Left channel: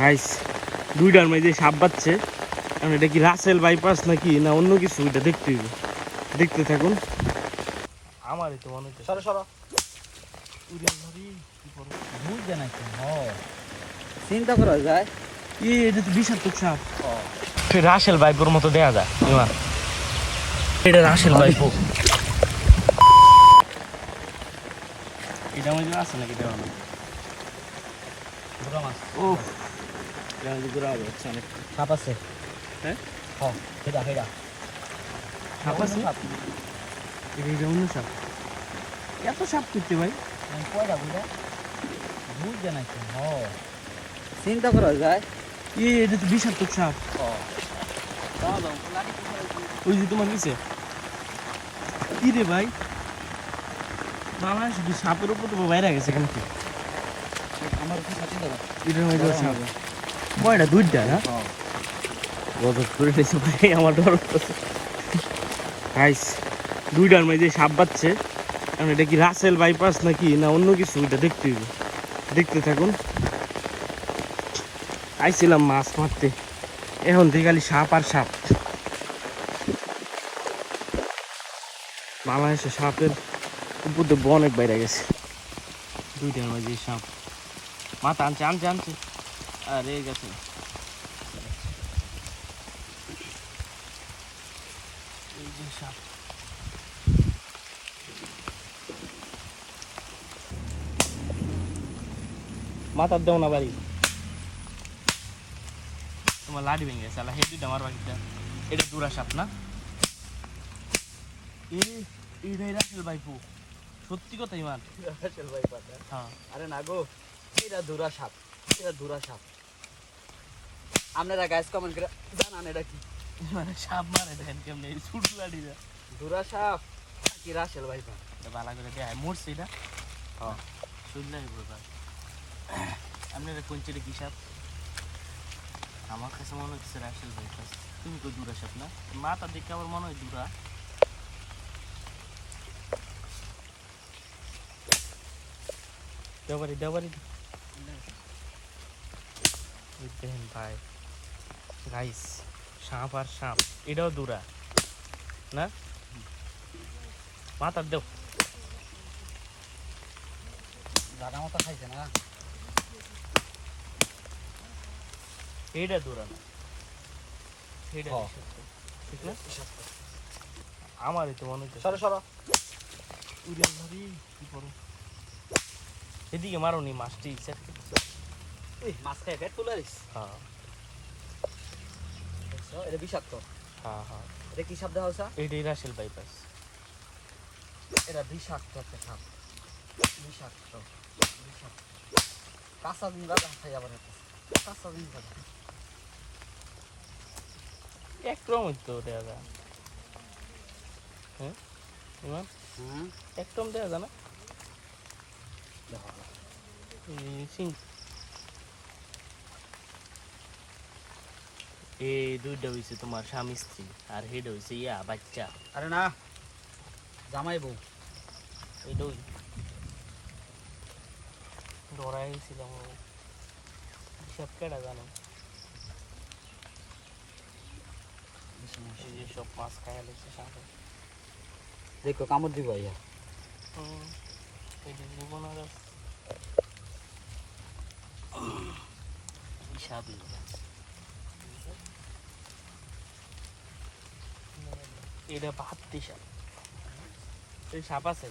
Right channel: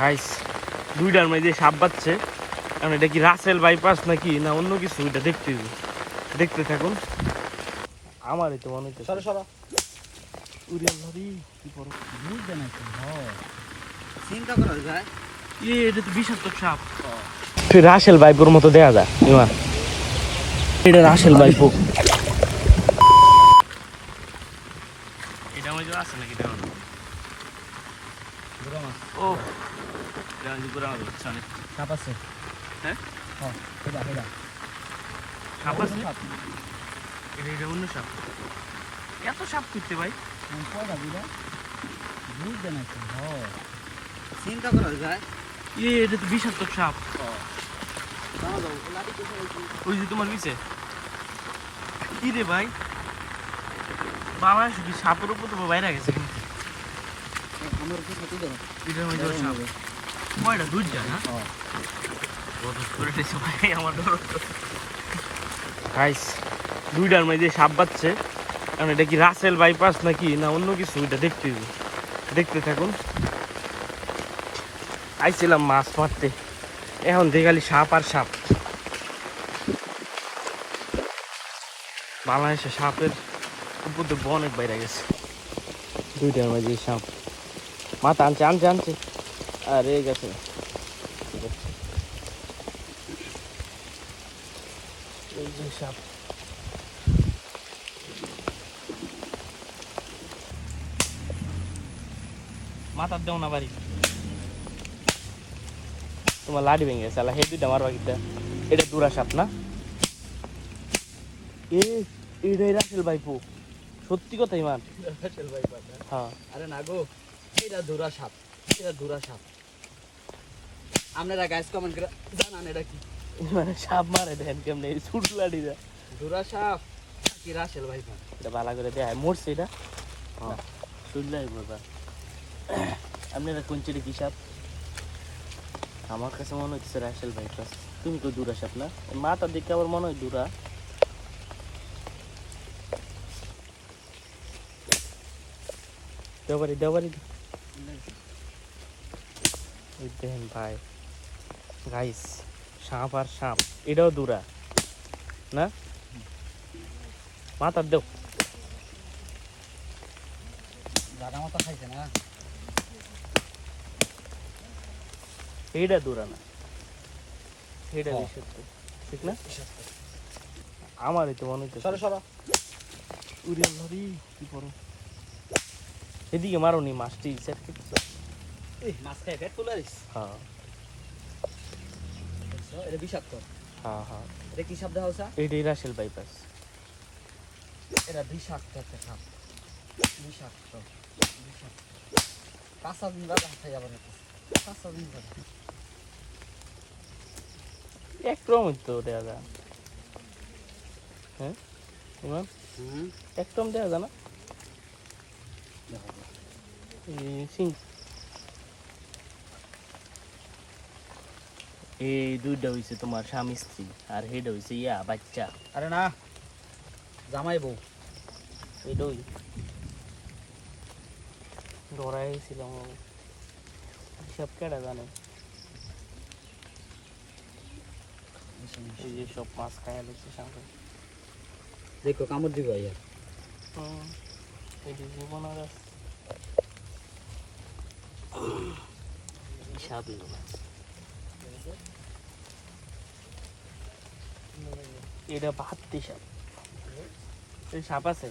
Guys দুইটার মাঝে সাপ বাচ্ছে কারণ এটা কি রাসেল বাইপাস নাকি? না অন্য কিছু? এটা দেখতে দেখতে থাকুন। আমারই তো মনে হচ্ছে। সরো সরো। বুঝবে না কি চিন্তা করা যায়। এ এটা তো বিষাক্ত সাপ। রাসেল বাইপুর মতো দেয়া যায় এটা রাসেল বাইপু এটা আছে নাকি দেওয়া? ও সাপ আছে। হ্যাঁ? সাপ আছে? এটা এটা অন্য সাপ। এত সাপ করতে ভাই। কয়টা বুঝা চিন্তা করা যায় এ এটা তো বিষাক্ত সাপ। ওই যে তোমার নিচে। কি রে ভাই? বাবা শুধু সাপের উপর তো বাইরে গেছে কিন্তু আমার সাথে দেবো কয়টা? দুইটা না? গজব করে দিয়েছে ভাই, আমার ডর গাইস দুইটার মাঝে সাপ বাচ্ছে। কারণ এটা কি রাসেল বাইপাস নাকি? না অন্য কিছু? এটা দেখতে দেখতে থাকুন। আইছিলাম মাছ মারতে। এখন দেখে খালি সাপ আর সাপ। বাংলাদেশে সাপের উপর দিয়ে অনেক বাইরে গেছে। দুইটার মাঝে সাপ। মাথা আনছে আনছে আনছে। আর এই গেছে মাথার দেও না বাড়ি। তোমার লাড়ি ভেঙে গেছে আলা হেডিটা মারবা কিটা এটা দুরা সাপ না? এইটাই রাসেল ভাইপো। সত্যি কথা ইমান। রাসেল ভাই হ্যাঁ। আরে না গো এটা দুরা সাপ। এটা দুরা সাপ। আপনারা গাইস কমেন্ট করে জানান এটা কি। মানে সাপ মারে দেখেন কেমনে এই ছুট লাড়ি যা দুরা সাপ? কি রাসেল ভাই পাতা এটা ভালো করে দেখায় মরছে এটা? হ্যাঁ। শুনলাই বোঝা আপনারা কোন চিনি কি সাপ? আমার কাছে মনে হচ্ছে রাসেল ভাই তুমি তো দূরা সাপ না? মাথা দেখে আমার মনে হয় দূরা দেওয়ারি দেওয়ারি দেখেন ভাই গাইস সাপ আর সাপ এটাও দূরা না? মাথার দেও। জানা মতো খাইছে না? এইটা দূরা। এইটা হ্যাঁ। ঠিক না? আমারই তো মনে হচ্ছে সরো সরো। উড়ে ধরি কি করে? এদিকে মারোনি মাছটি সেট এই মাছ খাই পেট তুলে দিস। হ্যাঁ। এটা বিষাক্ত। হ্যাঁ হ্যাঁ। এটা কি দেখা হচ্ছে এইটাই রাসেল বাইপাস এটা বিষাক্ত একটা সাপ বিষাক্ত। বিষাক্ত। কাঁচা দিন রাখা খাই আবার কাঁচা দিন রাখা এক ক্রম তো দেওয়া যায়। হ্যাঁ? ইমান হুম। এক দেওয়া যায়। না সিং এই দুইটা হইছে তোমার স্বামী স্ত্রী আর হেড হইছে ইয়া বাচ্চা। আরে না জামাই বউ। এটাই ধরাই গেছিলাম সব কেটে জানে? এই যে সব দিচ্ছে সাথে দেখো কামড় দিব ইয়া এটি জীবন আর এটা বাহাত্তি সাপ এই সাপ আছে?